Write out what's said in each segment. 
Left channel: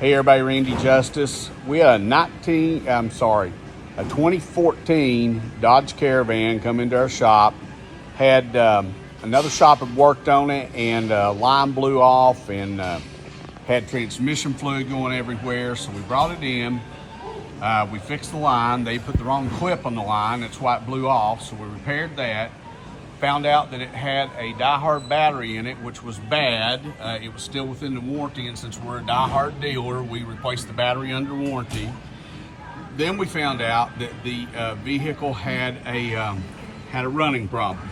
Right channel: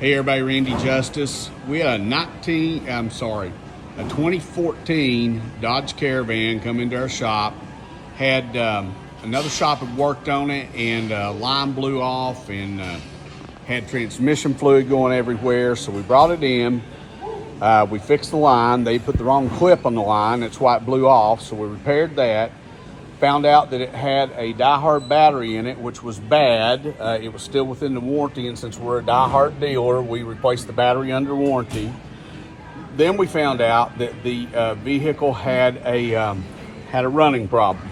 Hey everybody, Randy Justice. We had a 2014 Dodge Caravan come into our shop. Had another shop had worked on it, and line blew off and had transmission fluid going everywhere. So we brought it in. We fixed the line. They put the wrong clip on the line. That's why it blew off. So we repaired that. Found out that it had a Die-Hard battery in it, which was bad. It was still within the warranty, and since we're a Die-Hard dealer, we replaced the battery under warranty. Then we found out that the vehicle had a running problem,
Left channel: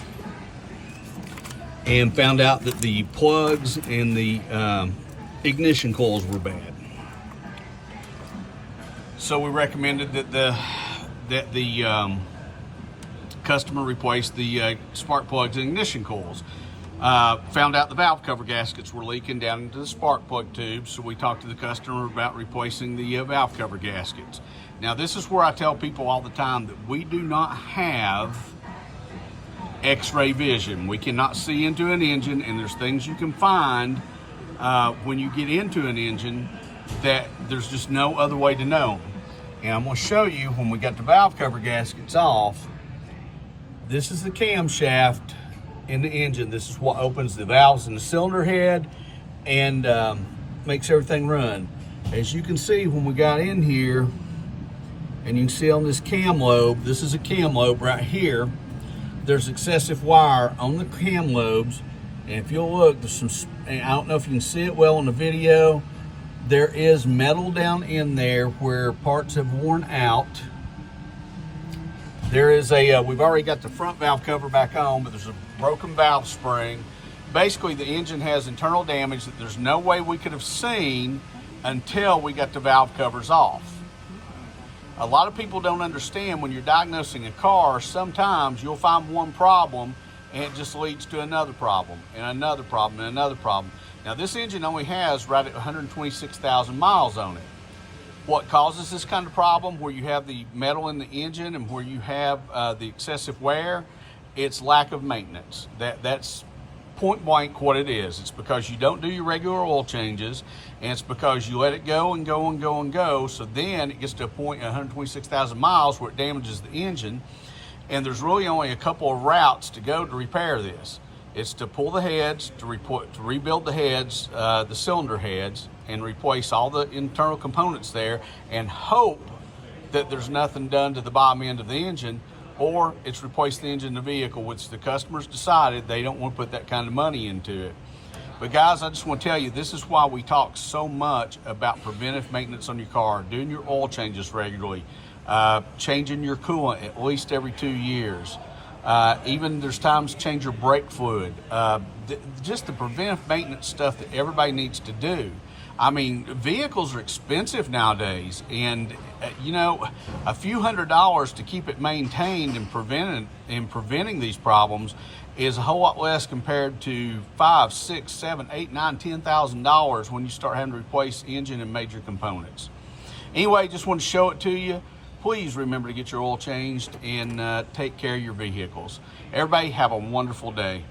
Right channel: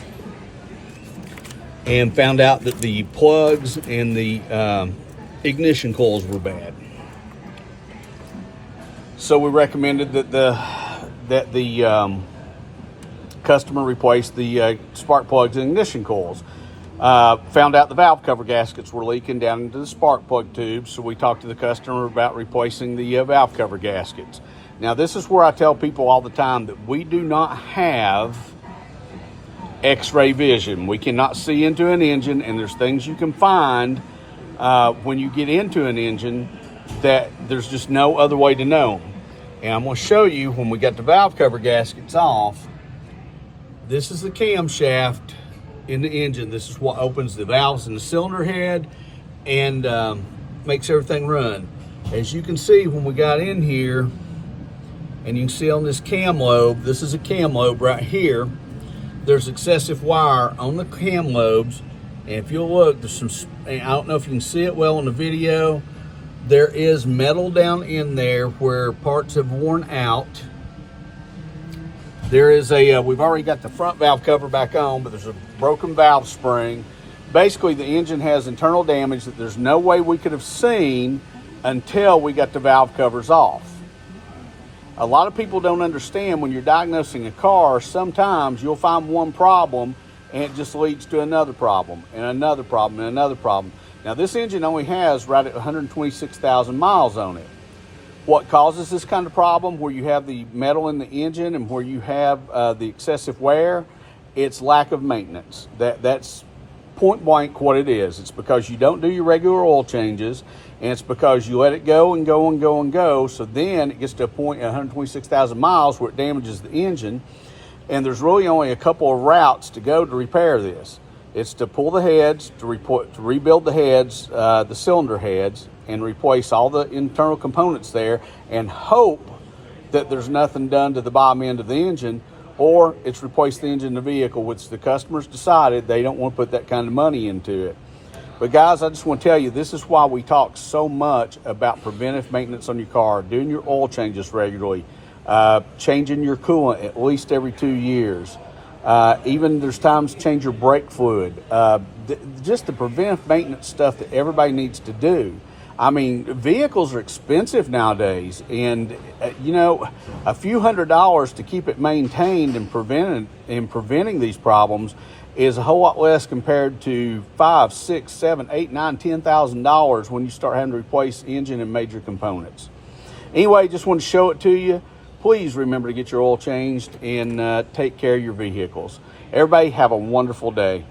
and found out that the plugs and the ignition coils were bad. So we recommended that the customer replaced the spark plugs and ignition coils. Found out the valve cover gaskets were leaking down into the spark plug tubes, so we talked to the customer about replacing the valve cover gaskets. Now, this is where I tell people all the time that we do not have x-ray vision. We cannot see into an engine, and there's things you can find when you get into an engine that there's just no other way to know. And I'm going to show you when we got the valve cover gaskets off. This is the camshaft in the engine. This is what opens the valves in the cylinder head and makes everything run. As you can see, when we got in here, and you can see on this cam lobe, this is a cam lobe right here, there's excessive wire on the cam lobes. And if you'll look, there's some, I don't know if you can see it well in the video, there is metal down in there where parts have worn out. There is we've already got the front valve cover back on, but there's a broken valve spring. Basically, the engine has internal damage that there's no way we could have seen until we got the valve covers off. A lot of people don't understand when you're diagnosing a car, sometimes you'll find one problem and it just leads to another problem and another problem and another problem. Now, this engine only has right at 126,000 miles on it. What causes this kind of problem, where you have the metal in the engine and where you have the excessive wear, it's lack of maintenance. That's point blank what it is. It's because you don't do your regular oil changes, and it's because you let it go and go and go and go. So then it gets to a point at 126,000 miles where it damages the engine, and there's really only a couple of routes to go to repair this. It's to pull the heads, to rebuild the heads, the cylinder heads, and replace all the internal components there, and hope that there's nothing done to the bottom end of the engine, or it's replace the engine in the vehicle, which the customers decided they don't want to put that kind of money into it. But guys, I just want to tell you, this is why we talk so much about preventive maintenance on your car, doing your oil changes regularly, changing your coolant at least every 2 years. Even there's times to change your brake fluid. Just the preventive maintenance stuff that everybody needs to do. I mean, vehicles are expensive nowadays, and you know, a few $100s to keep it maintained and preventing these problems is a whole lot less compared to $5,000, $6,000, $7,000, $8,000, $9,000, $10,000 when you start having to replace engine and major components. Anyway, just want to show it to you. Please remember to get your oil changed and take care of your vehicles. Everybody have a wonderful day.